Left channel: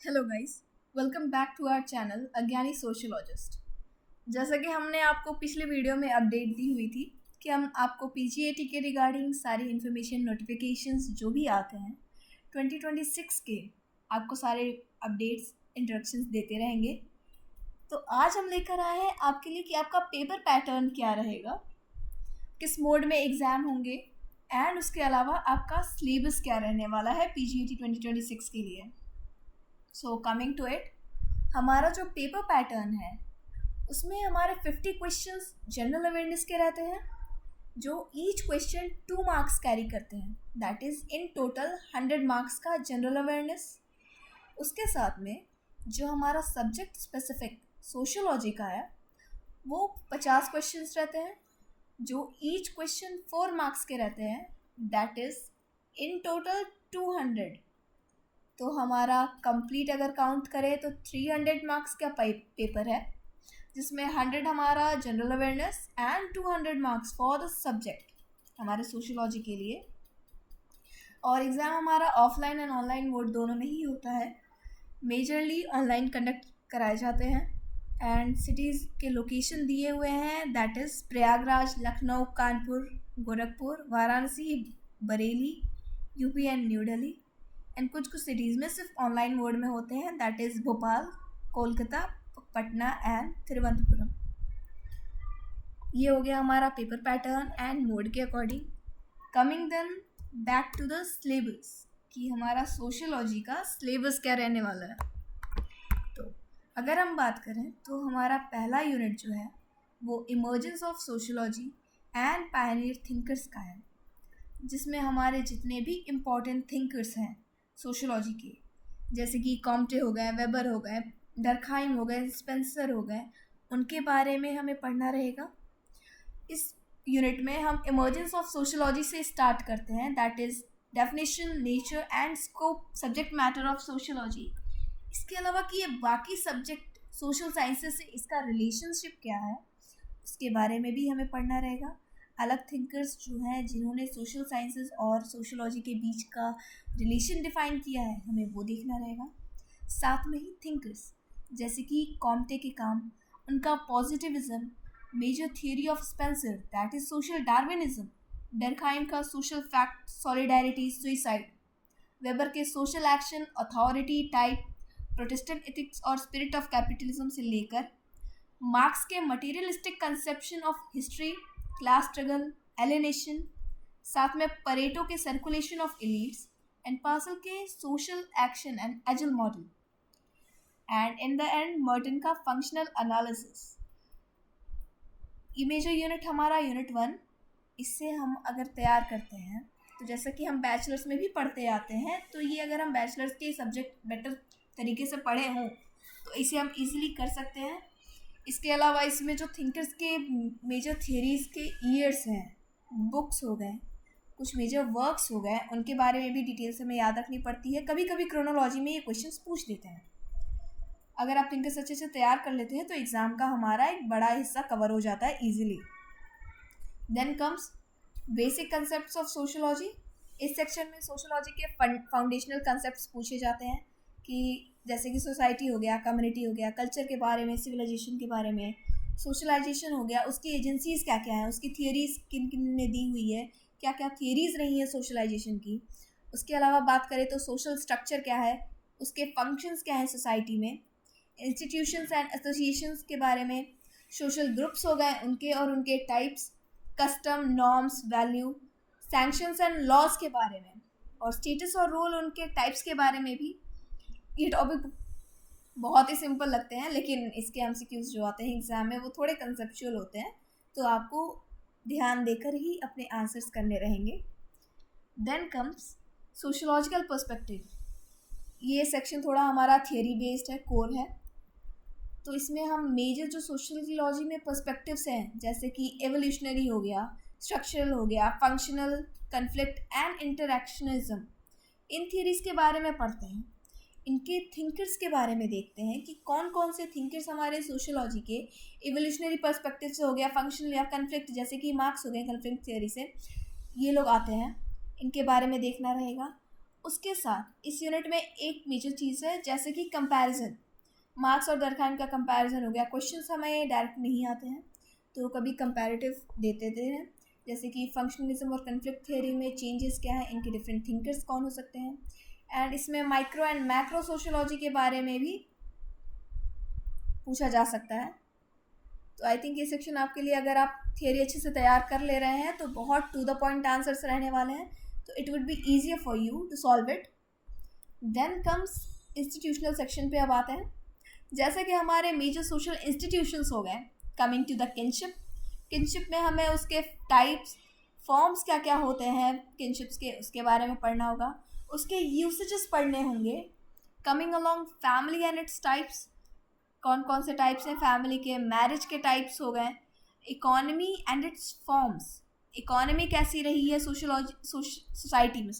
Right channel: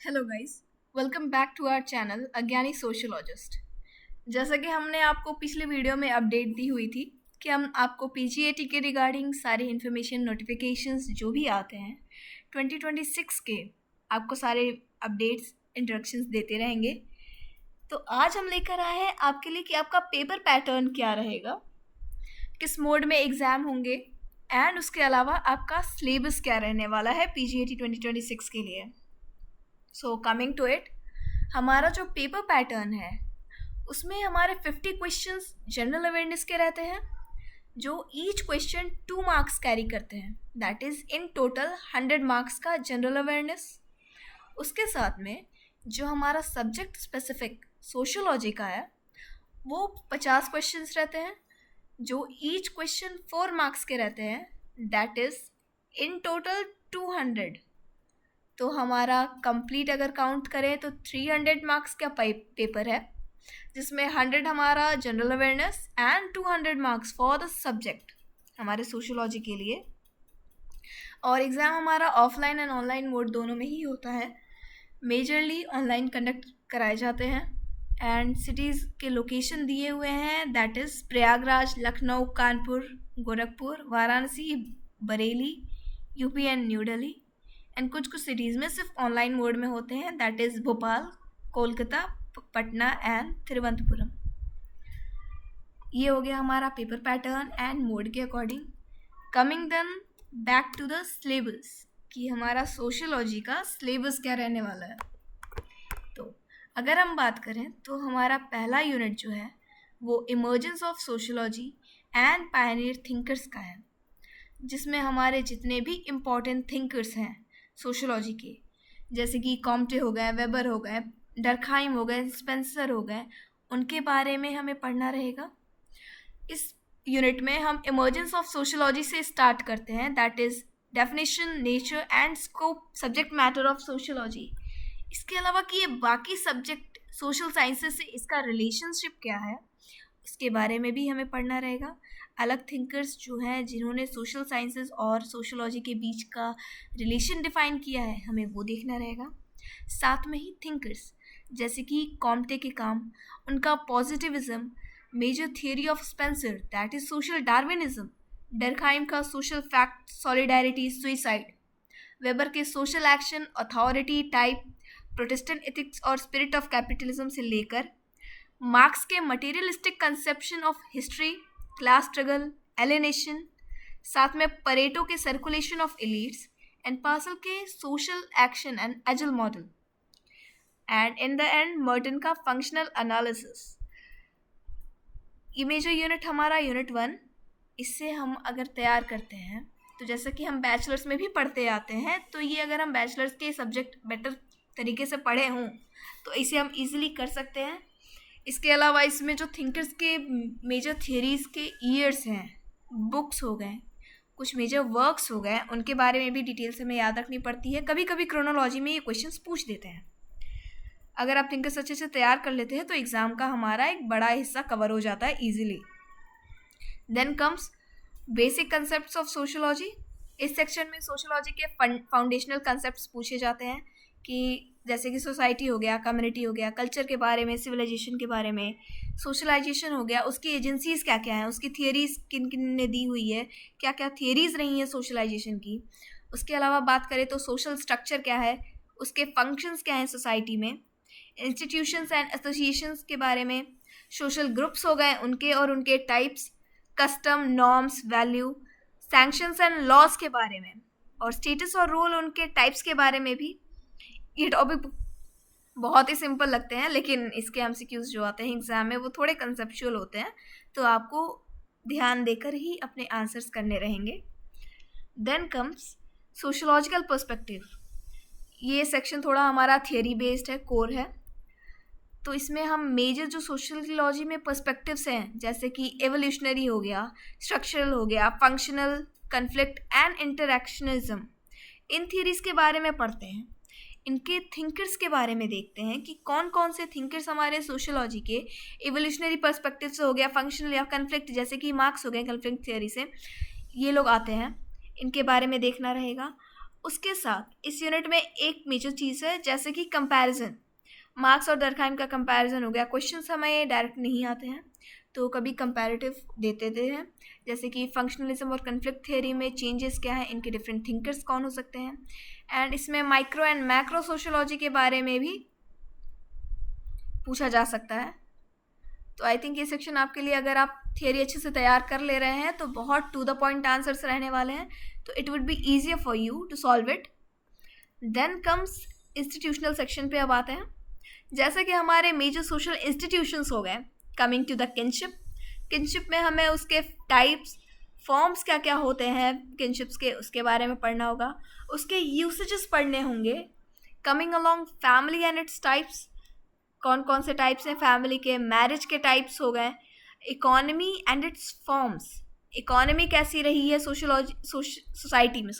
Hello guys, welcome back to our channel अज्ञानी sociologist. जैसा कि हमने आपको पिछले वीडियो में अपडेट दी हुई थी कि हम आपको पीजीएटी के रिगार्डिंग सारी इन्फॉर्मेशन नोटिफिकेशंस जो भी आते हैं 2026 के आपको सारे अपडेट्स इंस्ट्रक्शंस देते रहेंगे। तो आज हम लेकर आए हैं आपके लिए कि आपका पेपर पैटर्न क्या रहेगा, किस मोड में एग्ज़ाम होंगे एंड उसके अलावा आपका सिलेबस क्या रहने वाला है पीजीएटी 2026 के लिए। सो कमिंग टू इट, हमारा जो पेपर पैटर्न है उसमें हमारे 50 क्वेश्चंस जनरल अवेयरनेस के रहते हैं, जो ईच क्वेश्चन 2 मार्क्स कैरी करते हैं। That is in total 100 marks का जनरल अवेयरनेस। उसके साथ में जो हमारा सब्जेक्ट स्पेसिफिक सोशियोलॉजी का है वो 50 क्वेश्चंस रहते हैं, जो ईच क्वेश्चन 4 मार्क्स के रहते हैं। That is in total 200। तो हमारा कंप्लीट अगर काउंट करें तो 300 मार्क्स का पेपर है, जिसमें 100 हमारा general awareness and 200 marks for the subject हमारे सोशियोलॉजी के लिए। और एग्ज़ाम हमारा ऑफलाइन एंड ऑनलाइन मोड दोनों में ही होता है। मेजरली ऑनलाइन कंडक्ट कराए जाते हैं एंड सिटीज़ के लोकेशन दिए हुए हैं, that is Prayagraj, Lucknow, Kanpur, Gorakhpur, Varanasi, Bareilly, UP and new Delhi. And कुछ कुछ सिटीज़ में सिर्फ ऑनलाइन मोड में होते हैं, that is Bhopal, Kolkata, Patna and Thiruvananthapuram. ये हो गया हमारा पेपर पैटर्न एंड मोड के according. Coming then back to the syllabus कि हमारा सोशियोलॉजी का सिलेबस क्या रहने वाला है। तो अगर हम बात करें तो हमारा पहला यूनिट जो है वो emergence of sociology and Pioneer thinkers का है, जिसमें हमारे जितने भी इम्पोर्टेंट थिंकर्स हैं सोशियोलॉजी के, जैसे कि कॉम्टे हो गए, वेबर हो गए, डर्कहाइम हो गए, स्पेंसर हो गए, उनके बारे में हमें पढ़ना रहेगा। इस यूनिट में हम इमर्जेंस ऑफ सोशियोलॉजी से स्टार्ट करते हैं, that is definition, nature and scope, subject matter of sociology. इसके अलावा कि ये बाकी सब्जेक्ट सोशल साइंसेस से इसका रिलेशनशिप क्या है उसके बारे में भी हमें पढ़ना रहेगा। अलग थिंकर्स जो हैं जिन्होंने सोशल साइंसेस और सोशोलॉजी के बीच का रिलेशन डिफाइन किया है, हमें वो देखना रहेगा। साथ में ही थिंकर्स जैसे कि कॉम्टे के काम, उनका positivism, major theory of Spencer that is social Darwinism, Durkheim का social fact, solidarity, suicide, Weber के social action, authority, type, protestant ethics और स्पिरिट ऑफ कैपिटलिज्म से लेकर मार्क्स के materialistic conception of history, class struggle, alienation, साथ में Pareto के circulation of elites and Parsons के social action and AGIL model, and in the end Merton का functional analysis. ये मेजर यूनिट हमारा यूनिट 1। इससे हम अगर तैयार करते हैं तो जैसा कि हम बैचलर्स में भी पढ़ते आते हैं, तो ये अगर हम बैचलर्स के सब्जेक्ट बेटर तरीके से पढ़े हों तो इसे हम इजीली कर सकते हैं। इसके अलावा इसमें जो थिंकर्स के मेजर थियरीज़ के ईयर्स हैं, बुक्स हो गए, कुछ मेजर वर्क्स हो गए, उनके बारे में भी डिटेल से हमें याद रखनी पड़ती है। कभी कभी क्रोनोलॉजी में ये क्वेश्चंस पूछ देते हैं। अगर आप थिंकर्स अच्छे से तैयार कर लेते हैं तो एग्ज़ाम का हमारा एक बड़ा हिस्सा कवर हो जाता है easily. Then comes basic concepts of sociology. इस सेक्शन में सोशोलॉजी के फाउंडेशनल कंसेप्ट्स पूछे जाते हैं, कि जैसे कि सोसाइटी हो गया, कम्युनिटी हो गया, कल्चर के बारे में, सिविलाइजेशन के बारे में, सोशलाइजेशन हो गया, उसकी एजेंसीज़ क्या क्या हैं, उसकी थियरीज़ किन किन ने दी हुई है, क्या क्या थियरीज़ रही हैं सोशलाइजेशन की। उसके अलावा बात करें तो सोशल स्ट्रक्चर क्या है, उसके फंक्शंस क्या हैं सोसाइटी में, इंस्टीट्यूशंस एंड एसोसिएशंस के बारे में, सोशल ग्रुप्स हो गए उनके और उनके types, custom, norms, value, sanctions and laws के बारे में, और स्टेटस और रोल उनके टाइप्स के बारे में भी। ये टॉपिक बहुत ही सिंपल लगते हैं, लेकिन इसके एमसीक्यूज जो आते हैं एग्ज़ाम में वो थोड़े कंसेप्चुअल होते हैं, तो आपको ध्यान देकर ही अपने आंसर्स करने रहेंगे। Then comes sociological perspective. ये सेक्शन थोड़ा हमारा थियरी बेस्ड है, कोर है। तो इसमें हम मेजर जो सोशोलॉजी में पर्सपेक्टिव्स हैं, जैसे कि एवोल्यूशनरी हो गया, स्ट्रक्चरल हो गया, functional, conflict and interactionism, in theories के बारे में पढ़ते हैं। इनके थिंकर्स के बारे में देखते हैं कि कौन कौन से थिंकर्स हमारे सोशोलॉजी के एवोल्यूशनरी पर्सपेक्टिव से हो गया, फंक्शनल या कन्फ्लिक्ट, जैसे कि मार्क्स हो गए कन्फ्लिक्ट थियरी से, ये लोग आते हैं, इनके बारे में देखना रहेगा। उसके साथ इस यूनिट में एक मेजर चीज़ है, जैसे कि कंपैरिजन। मार्क्स और दरखाम का कंपैरिजन हो गया। क्वेश्चंस हमें डायरेक्ट नहीं आते हैं, तो कभी कंपैरेटिव देते हैं, जैसे कि फंक्शनलिज्म और कन्फ्लिक्ट थियरी में चेंजेस क्या हैं, इनके डिफरेंट थिंकर्स कौन हो सकते हैं। एंड इसमें माइक्रो एंड मैक्रो सोशियोलॉजी के बारे में भी पूछा जा सकता है। तो आई थिंक ये सेक्शन आपके लिए, अगर आप थियरी अच्छे से तैयार कर ले रहे हैं तो बहुत टू द पॉइंट आंसर्स रहने वाले हैं, तो it would be easier for you to solve it. Then comes institutional section पे अब आते हैं। जैसे कि हमारे मेजर सोशल इंस्टीट्यूशंस हो गए। कमिंग टू द किनशिप में हमें उसके टाइप्स, फॉर्म्स क्या क्या होते हैं किनशिप्स के, उसके बारे में पढ़ना होगा। उसके यूसेजेस पढ़ने होंगे। Coming along family and its types, कौन कौन से टाइप्स हैं फैमिली के। मैरिज के टाइप्स हो गए। Economy and it's forms, economy कैसी रही है सोसाइटी में,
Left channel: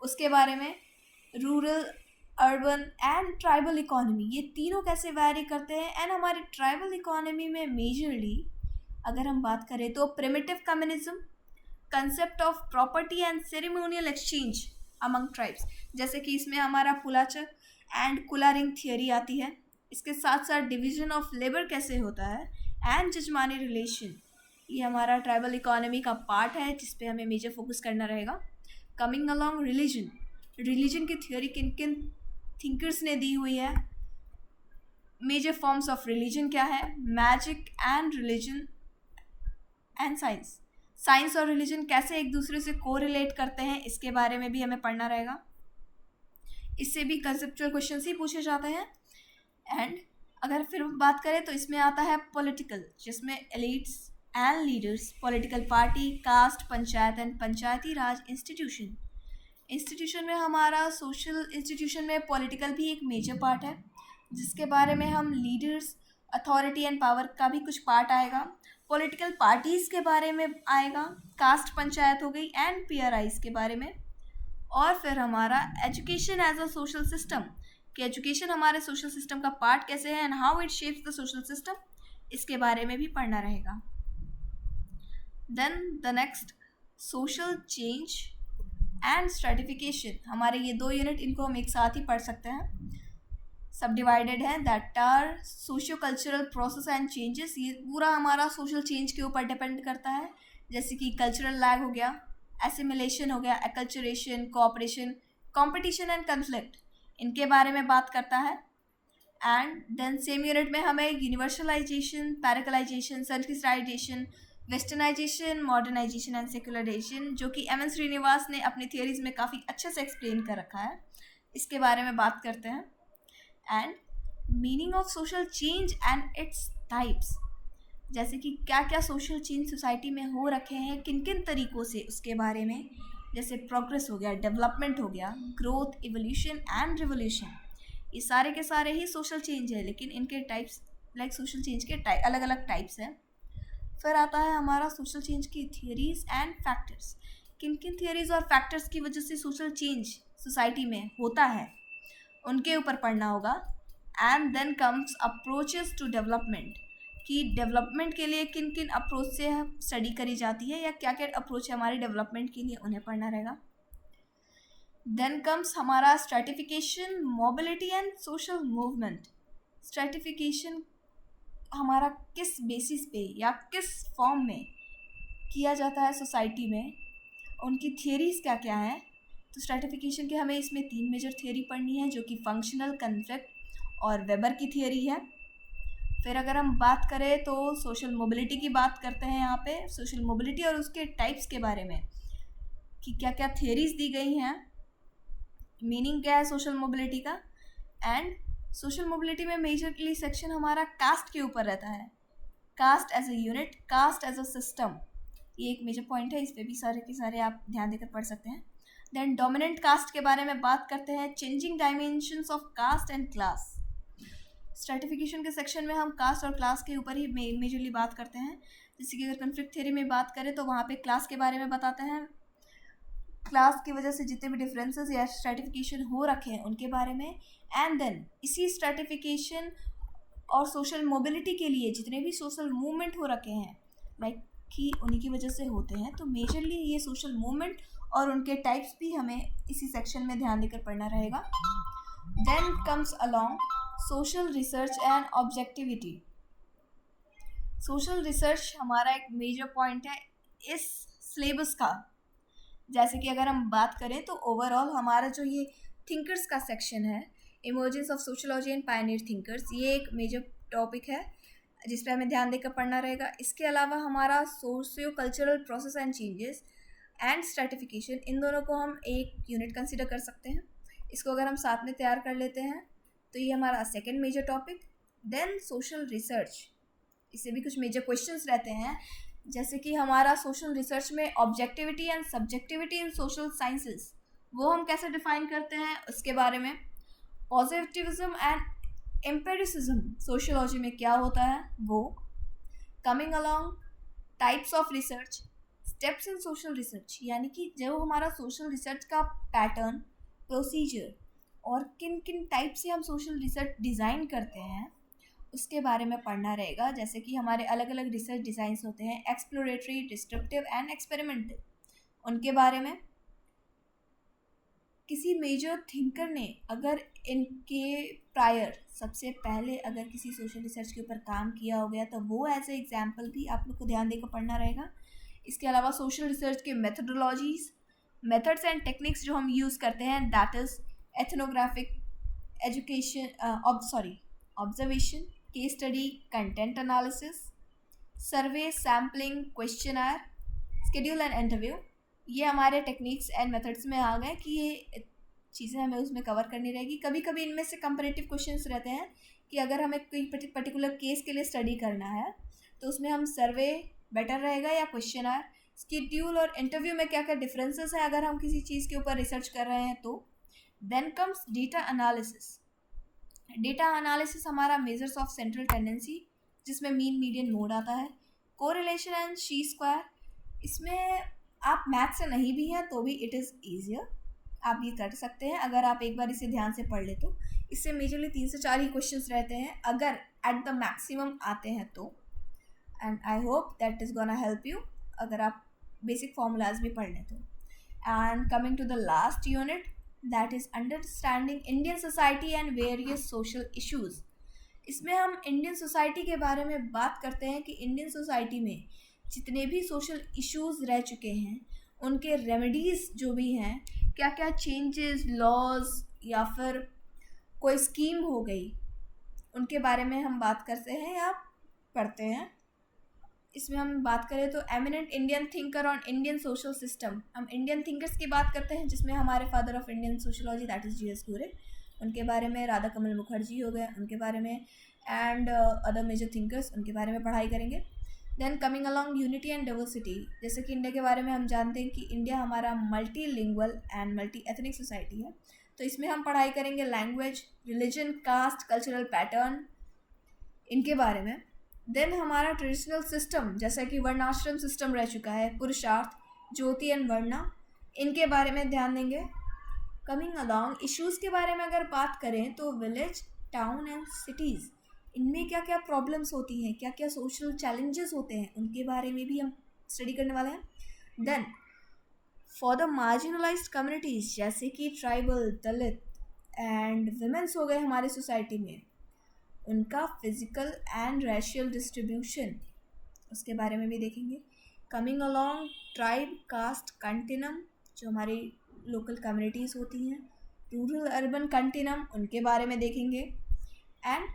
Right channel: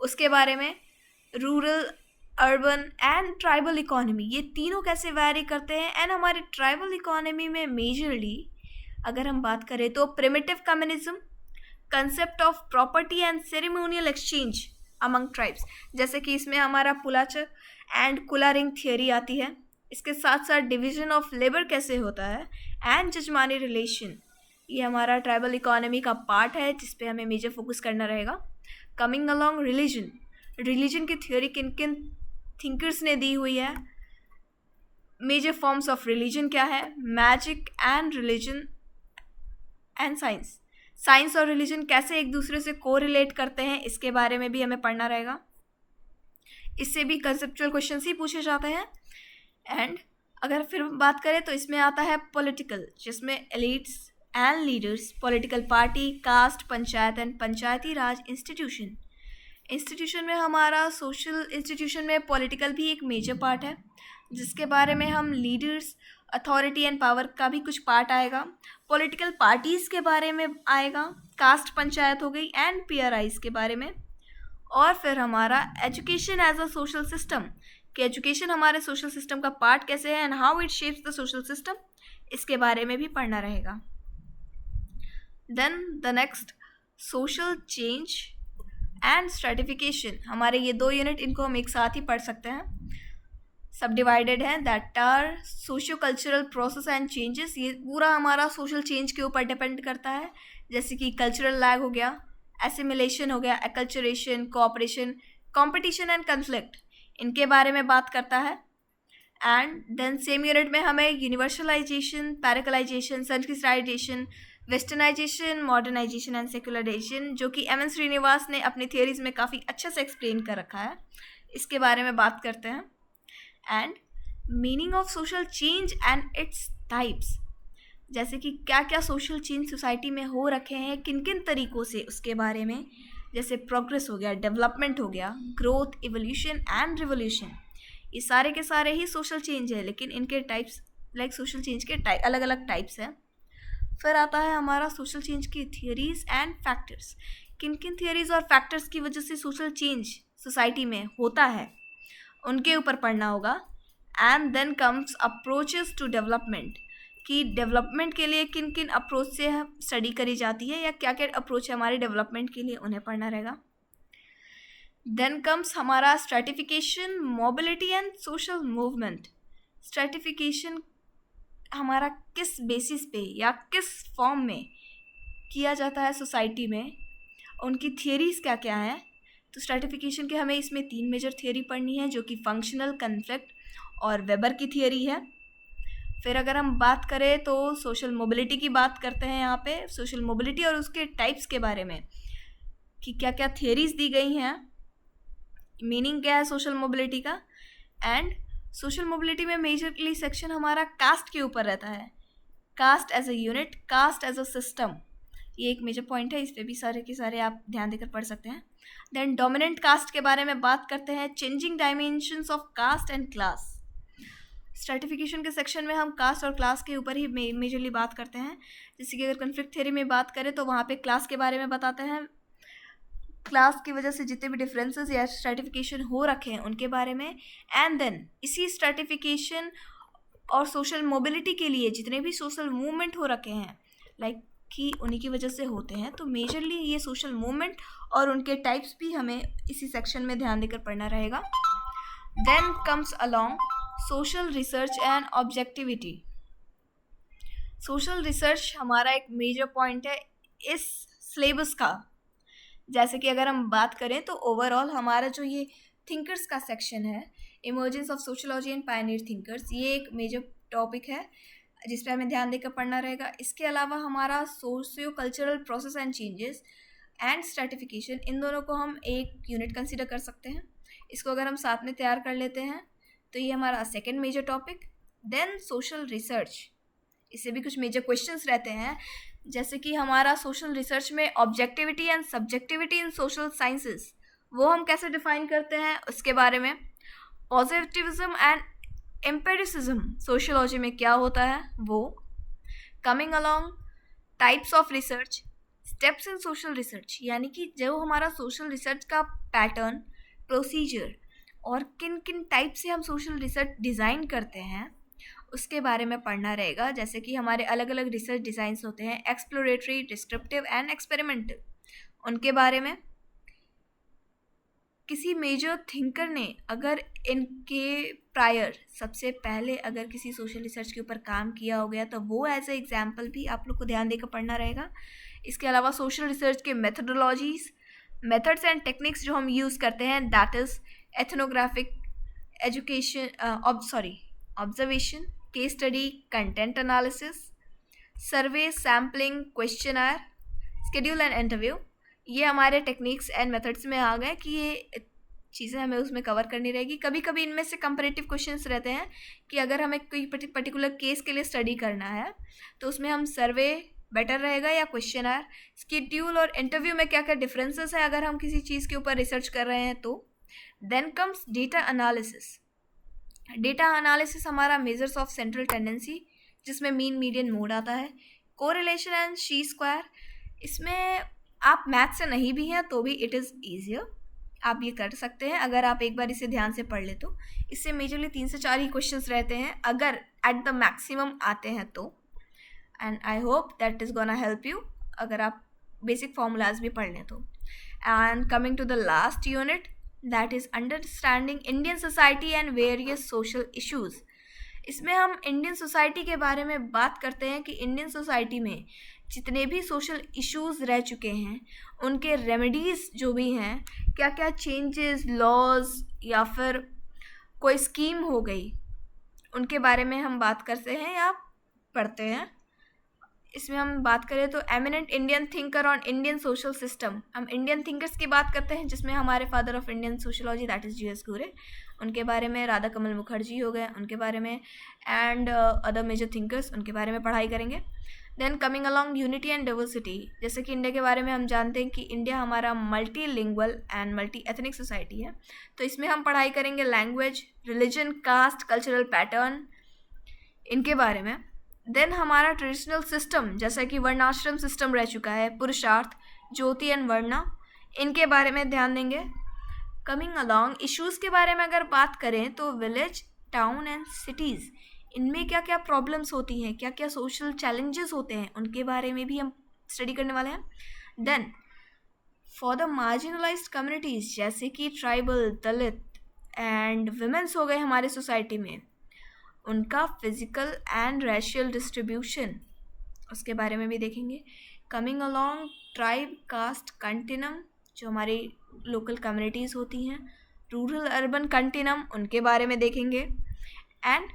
उसके बारे में। Rural, urban and tribal economy, ये तीनों कैसे वैरी करते हैं। एंड हमारी ट्राइबल इकोनॉमी में मेजरली अगर हम बात करें तो primitive communism, concept of property and ceremonial exchange among tribes, जैसे कि इसमें हमारा पुलाचक एंड कुलारिंग थियरी आती है। इसके साथ साथ डिवीजन ऑफ लेबर कैसे होता है एंड जजमानी रिलेशन, ये हमारा ट्राइबल इकोनॉमी का पार्ट है जिस पे हमें मेजर फोकस करना रहेगा। कमिंग अलॉन्ग रिलीजन की थ्योरी किन किन थिंकर्स ने दी हुई है। मेजर फॉर्म्स ऑफ रिलीजन क्या है। Magic and religion and science और रिलीजन कैसे एक दूसरे से कोरिलेट करते हैं, इसके बारे में भी हमें पढ़ना रहेगा। इससे भी कंसेप्चुअल क्वेश्चंस ही पूछे जाते हैं। एंड अगर फिर बात करें तो इसमें आता है पॉलिटिकल, जिसमें elites and leaders, political party, caste, panchayat and panchayati raj institution में हमारा सोशल इंस्टीट्यूशन में पॉलिटिकल भी एक मेजर पार्ट है, जिसके बारे में हम लीडर्स, अथॉरिटी एंड पावर का भी कुछ पार्ट आएगा। पॉलिटिकल पार्टीज़ के बारे में आएगा। कास्ट पंचायत हो गई एंड पीआरआईज के बारे में। और फिर हमारा education as a social system, कि एजुकेशन हमारे सोशल सिस्टम का पार्ट कैसे है and how it shapes the social system, इसके बारे में भी पढ़ना रहेगा। Then the next, social change and stratification, हमारे ये दो यूनिट, इनको हम एक साथ ही पढ़ सकते हैं। सब डिवाइडेड है, that are socio cultural process and changes, ये पूरा हमारा सोशल चेंज के ऊपर डिपेंड करता है, जैसे कि कल्चरल लैग हो गया, एसिमिलेशन हो गया, एक्लचरेशन, कोऑपरेशन, कंपटीशन एंड कन्फ्लिक्ट, इनके बारे में बात करता है। एंड देन सेम यूनिट में हमें universalization, पैरिकलाइजेशन, सेल्फिसाइजेशन, westernisation, modernisation and secularisation, जो कि एम एन श्रीनिवास ने अपनी थियरीज में काफ़ी अच्छे से एक्सप्लेन कर रखा है, इसके बारे में बात करते हैं। And meaning of social change and its types, जैसे कि क्या क्या सोशल चेंज सोसाइटी में हो रखे हैं, किन किन तरीक़ों से, उसके बारे में। जैसे प्रोग्रेस हो गया, डेवलपमेंट हो गया, ग्रोथ, इवोल्यूशन एंड रिवोल्यूशन, ये सारे के सारे ही सोशल चेंज है, लेकिन इनके टाइप्स, लाइक सोशल चेंज के अलग अलग टाइप्स हैं। फिर आता है हमारा सोशल चेंज की थियरीज एंड फैक्टर्स, किन किन थियरीज और फैक्टर्स की वजह से सोशल चेंज सोसाइटी में होता है, उनके ऊपर पढ़ना होगा। And then comes approaches to development, कि डेवलपमेंट के लिए किन किन अप्रोच से स्टडी करी जाती है या क्या क्या अप्रोच है हमारे डेवलपमेंट के लिए, उन्हें पढ़ना रहेगा। देन कम्स हमारा stratification, mobility and social movement. Stratification हमारा किस बेसिस पे या किस फॉर्म में किया जाता है सोसाइटी में, उनकी थियरीज़ क्या क्या हैं। तो स्ट्रैटिफिकेशन के हमें इसमें 3 मेजर थियरी पढ़नी है, जो कि फंक्शनल, कन्फ्लिक्ट और वेबर की थियरी है। फिर अगर हम बात करें तो सोशल मोबिलिटी की बात करते हैं यहाँ पे, सोशल मोबिलिटी और उसके टाइप्स के बारे में, कि क्या क्या थियरीज़ दी गई हैं, मीनिंग क्या है सोशल मोबिलिटी का। एंड सोशल मोबिलिटी में मेजरली सेक्शन हमारा कास्ट के ऊपर रहता है, caste as a unit, caste as a system, ये एक मेजर पॉइंट है, इस पर भी सारे के सारे आप ध्यान देकर पढ़ सकते हैं। देन डोमिनेंट कास्ट के बारे में बात करते हैं, changing dimensions of caste and class. Stratification के सेक्शन में हम कास्ट और क्लास के ऊपर ही मेजरली बात करते हैं। जैसे कि अगर कन्फ्लिक्ट थ्योरी में बात करें तो वहाँ पे क्लास के बारे में बताते हैं, क्लास की वजह से जितने भी डिफरेंसेस या स्ट्रैटिफिकेशन हो रखे हैं उनके बारे में। एंड देन इसी स्ट्रैटिफिकेशन और सोशल मोबिलिटी के लिए जितने भी सोशल मूवमेंट हो रखे हैं, लाइक कि उन्हीं की वजह से होते हैं, तो मेजरली ये सोशल मूवमेंट और उनके टाइप्स भी हमें इसी सेक्शन में ध्यान देकर पढ़ना रहेगा। Then comes along social research and objectivity. Social research हमारा एक मेजर पॉइंट है इस सिलेबस का। जैसे कि अगर हम बात करें तो ओवरऑल हमारा जो ये थिंकर्स का सेक्शन है, emergence of sociology and Pioneer thinkers, ये एक मेजर टॉपिक है जिस पर हमें ध्यान देकर पढ़ना रहेगा। इसके अलावा हमारा socio cultural process and changes and stratification, इन दोनों को हम एक यूनिट कंसिडर कर सकते हैं। इसको अगर हम साथ में तैयार कर लेते हैं तो ये हमारा second major topic. Then social research, इससे भी कुछ मेजर क्वेश्चंस रहते हैं, जैसे कि हमारा सोशल रिसर्च में objectivity and subjectivity in social sciences, वो हम कैसे डिफाइन करते हैं उसके बारे में। पॉजिटिविज्म एंड एम्पिरिसिज्म सोशियोलॉजी में क्या होता है वो। Coming along types of research, steps in social research, यानी कि जो हमारा सोशल रिसर्च का पैटर्न, प्रोसीजर और किन किन टाइप से हम सोशल रिसर्च डिज़ाइन करते हैं उसके बारे में पढ़ना रहेगा। जैसे कि हमारे अलग अलग रिसर्च डिज़ाइंस होते हैं, एक्सप्लोरेटरी, डिस्क्रिप्टिव एंड एक्सपेरिमेंटल, उनके बारे में। किसी मेजर थिंकर ने अगर इनके प्रायर सबसे पहले अगर किसी सोशल रिसर्च के ऊपर काम किया हो गया तो वो एज ए एग्जाम्पल भी आप लोग को ध्यान देकर पढ़ना रहेगा। इसके अलावा सोशल रिसर्च के मेथडोलॉजीज, मेथड्स एंड टेक्निक्स जो हम यूज़ करते हैं, that is ethnographic, education observation, case study, content analysis, survey, sampling, questionnaire, schedule and interview, ये हमारे टेक्निक्स एंड मेथड्स में आ गए कि ये चीज़ें हमें उसमें कवर करनी रहेगी। कभी कभी इनमें से कंपैरेटिव क्वेश्चंस रहते हैं कि अगर हमें कोई पर्टिकुलर केस के लिए स्टडी करना है तो उसमें हम सर्वे बेटर रहेगा या क्वेश्चनर। शेड्यूल और इंटरव्यू में क्या क्या डिफरेंसेस है अगर हम किसी चीज़ के ऊपर रिसर्च कर रहे हैं तो। Then comes data analysis. Data analysis हमारा मेजर्स ऑफ सेंट्रल टेंडेंसी, जिसमें मीन, मीडियन, मोड आता है। कोरिलेशन एंड शी स्क्वायर, इसमें आप मैथ से नहीं भी हैं तो भी इट इज़ ईजियर, आप ये कर सकते हैं अगर आप एक बार इसे ध्यान से पढ़ ले तो। इससे मेजरली 3 से 4 ही क्वेश्चंस रहते हैं अगर एट द मैक्सिमम आते हैं तो। And I hope that is gonna help you अगर आप बेसिक फार्मूलाज भी पढ़ लें तो। And coming to the last unit, that is understanding Indian society and various social issues. इसमें हम इंडियन सोसाइटी के बारे में बात करते हैं कि इंडियन सोसाइटी में जितने भी सोशल इश्यूज़ रह चुके हैं उनके रेमेडीज़ जो भी हैं, क्या क्या चेंजेस, लॉज या फिर कोई स्कीम हो गई, उनके बारे में हम बात करते हैं या पढ़ते हैं। इसमें हम बात करें तो eminent Indian thinker on Indian social system, हम इंडियन थिंकर्स की बात करते हैं जिसमें हमारे father of Indian sociology that is GS. घुरे, उनके बारे में। राधा कमल मुखर्जी हो गए, उनके बारे में। एंड अदर मेजर थिंकर्स, उनके बारे में पढ़ाई करेंगे। Then coming along unity and diversity, जैसे कि इंडिया के बारे में हम जानते हैं कि इंडिया हमारा multilingual and multi ethnic society है, तो इसमें हम पढ़ाई करेंगे language, religion, caste, cultural pattern, इनके बारे में। देन हमारा ट्रेडिशनल सिस्टम, जैसा कि वर्णाश्रम सिस्टम रह चुका है, पुरुषार्थ, ज्योति एंड वर्णा, इनके बारे में ध्यान देंगे। कमिंग अलॉन्ग इश्यूज़ के बारे में अगर बात करें तो विलेज, टाउन एंड सिटीज़, इनमें क्या क्या प्रॉब्लम्स होती हैं, क्या क्या सोशल चैलेंजेस होते हैं, उनके बारे में भी हम स्टडी करने वाले हैं। Then for the marginalised communities, जैसे कि ट्राइबल, दलित एंड विमेंस हो गए हमारे सोसाइटी में, उनका फिजिकल एंड रेशियल डिस्ट्रीब्यूशन, उसके बारे में भी देखेंगे। Coming along tribe, caste, continuum, जो हमारी लोकल कम्युनिटीज़ होती हैं, रूरल अर्बन कंटिनम, उनके बारे में देखेंगे। एंड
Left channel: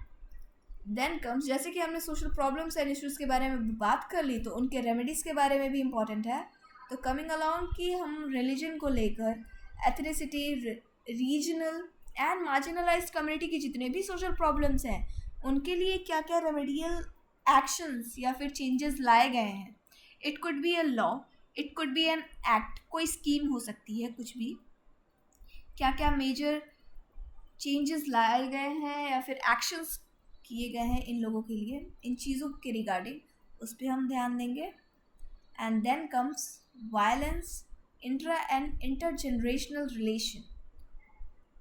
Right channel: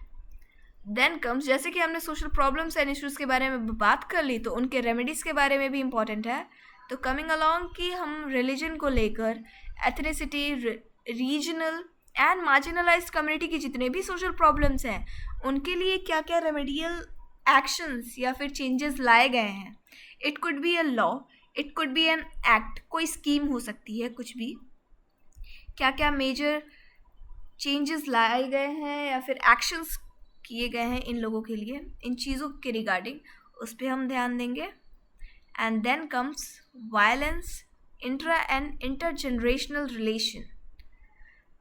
देन कम्स, जैसे कि हमने सोशल प्रॉब्लम्स एंड इश्यूज़ के बारे में बात कर ली तो उनके रेमेडीज़ के बारे में भी इम्पॉर्टेंट है। तो कमिंग अलॉन्ग कि हम रिलीजन को लेकर ethnicity, regional and marginalised community की जितने भी सोशल प्रॉब्लम्स हैं उनके लिए क्या क्या रेमेडियल एक्शंस या फिर चेंजेस लाए गए हैं। It could be a law, it could be an act, कोई स्कीम हो सकती है, कुछ भी। क्या क्या मेजर चेंजेस लाए गए हैं या फिर एक्शंस किए गए हैं इन लोगों के लिए, इन चीज़ों के रिगार्डिंग, उस पर हम ध्यान देंगे। And then comes violence, intra and intergenerational relation,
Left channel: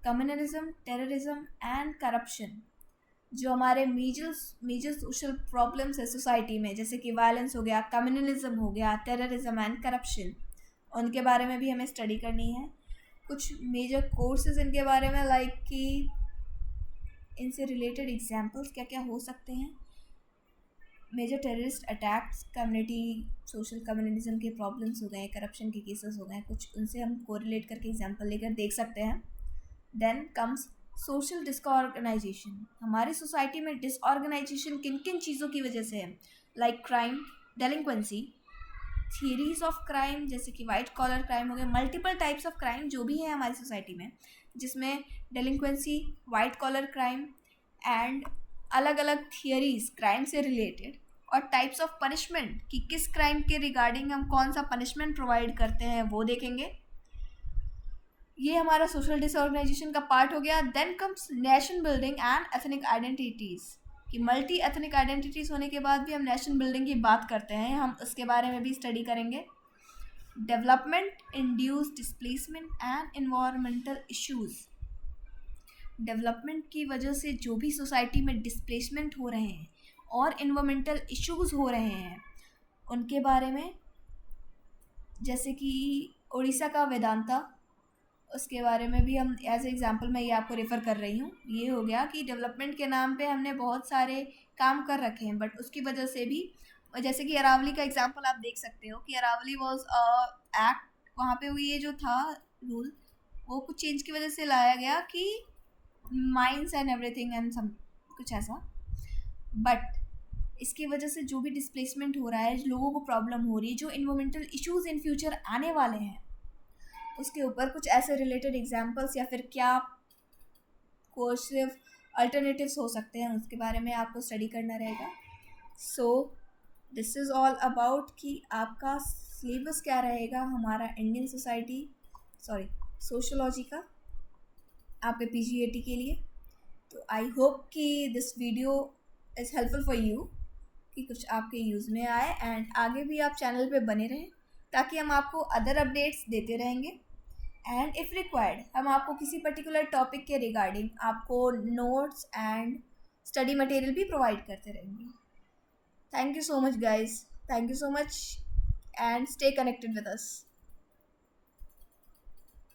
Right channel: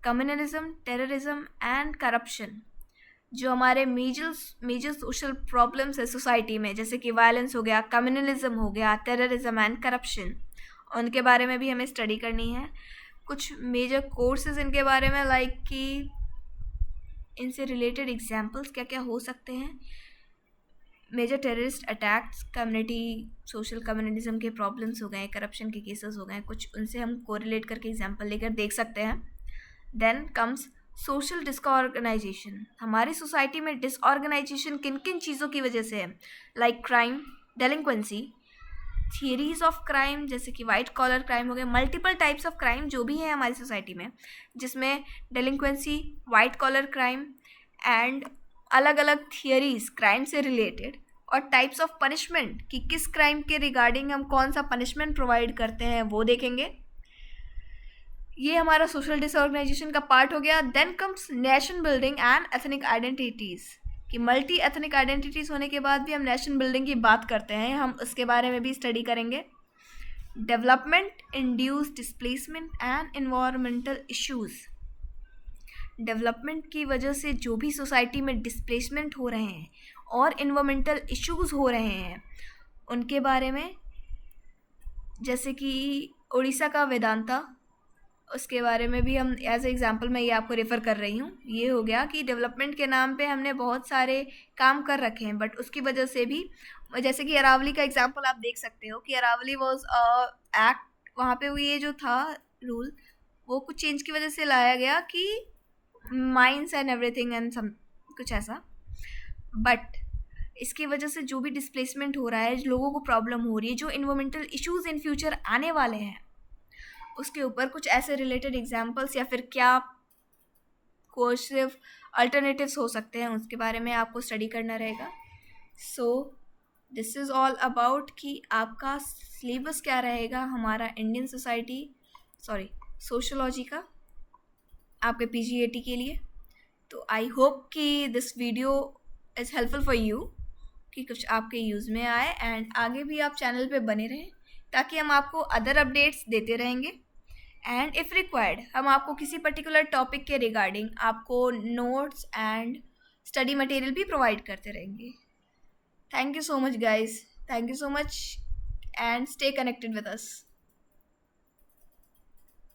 communalism, terrorism and corruption, जो हमारे मेजर सोशल प्रॉब्लम्स है सोसाइटी में, जैसे कि वायलेंस हो गया, कम्युनलिज्म हो गया, टेररिज्म एंड करप्शन, उनके बारे में भी हमें स्टडी करनी है। कुछ मेजर कोर्सेज इनके बारे में, लाइक कि इनसे रिलेटेड एग्जाम्पल्स क्या क्या हो सकते हैं। Major terrorist attacks, community social communism के प्रॉब्लम्स हो गए, करप्शन के केसेस हो गए, कुछ उनसे हम कोरिलेट करके एग्जाम्पल लेकर देख सकते हैं। Then comes social disorganization. हमारी सोसाइटी में डिसऑर्गेनाइजेशन किन किन चीज़ों की वजह से है, like crime, delinquency, theories of crime, जैसे कि वाइट कॉलर क्राइम हो गए, मल्टीपल टाइप्स ऑफ क्राइम जो भी है हमारी सोसाइटी में, जिसमें डेलिंक्वेंसी, वाइट कॉलर क्राइम एंड अलग अलग थियरीज क्राइम से रिलेटेड, और टाइप्स ऑफ पनिशमेंट कि किस क्राइम के रिगार्डिंग हम कौन सा पनिशमेंट प्रोवाइड करते हैं वो देखेंगे। ये हमारा सोशल डिसऑर्गेनाइजेशन का पार्ट हो गया। Then comes nation building and ethnic identities, कि मल्टी एथनिक आइडेंटिटीज़ होने के बाद भी हम नेशन बिल्डिंग की बात करते हैं, हम उसके बारे में भी स्टडी करेंगे। Development induce displacement and environmental issues. Development की वजह से जो भी सोसाइटी में डिस्प्लेसमेंट हो रहे हैं और इन्वायरमेंटल इश्यूज़ हो रहे हैं उनके बारे में, जैसे कि उड़ीसा का वेदांता, उसके बारे में भी हम एज एग्जांपल मैं ये आपको रेफ़र कर रही हूँ। ये हो गया कि डेवलपमेंट के नाम पे हमने बहुत सारे काम कर रखे हैं, बट उसकी वजह से भी, जैसे कि अरावली का एग्जांपल आप देख सकते हो कि अरावली वाज एक्ट, वहाँ पे वो ये जो था रूल, वो कुछ चेंज की वजह से लाया गया कि mines and everything and some कुछ ऐसा, बट इसकी वजह से जो भी डिस्प्लेसमेंट हो रहा है, लोगों को प्रॉब्लम हो रही है, जो इन्वायरमेंटल इश्यूज़ इन फ्यूचर आने वाले हैं, उसके ऊपर कुछ ऐसे रिलेटेड एग्जाम्पल्स या फिर क्या कोर्स सिर्फ अल्टरनेटिव्स हो सकते हैं, उसके बारे में आपको स्टडी करना रहेगा। So this is all about कि आपका सिलेबस क्या रहेगा हमारा इंडियन सोसाइटी, सॉरी सोशोलॉजी का, आपके पीजीएटी के लिए। तो आई होप कि this video is helpful for you, कि कुछ आपके यूज़ में आए, एंड आगे भी आप चैनल पे बने रहें ताकि हम आपको अदर अपडेट्स देते रहेंगे। एंड इफ़ रिक्वायर्ड हम आपको किसी पर्टिकुलर टॉपिक के रिगार्डिंग आपको नोट्स एंड स्टडी मटेरियल भी प्रोवाइड करते रहेंगे। Thank you so much guys, thank you so much, and stay connected with us.